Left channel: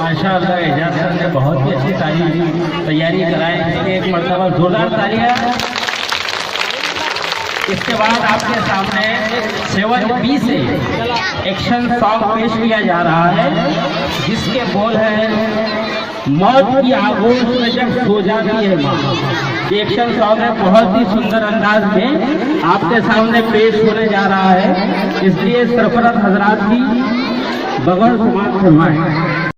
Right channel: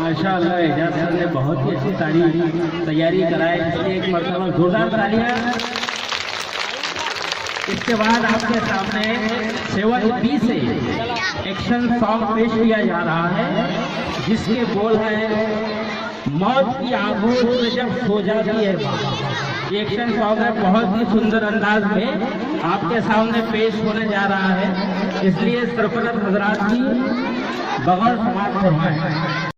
माशाअल्लाह एजाज सर ने बहुत ही अच्छी तैयारी कराई। एक मरतबा जोरदार तालियां। इसके बाद आपके सामने 7B से एक्शन सॉन्ग पेश किया जा रहा है, जिसके बोल है मौत की आगोश में जब सो जाती है माँ। ये एक्शन सॉन्ग है, बहुत ही सुंदर अंदाज में आपके सामने पेश होने जा रहा है, इसलिए सरफराज हजरात की बगौर समाज फरमाएं।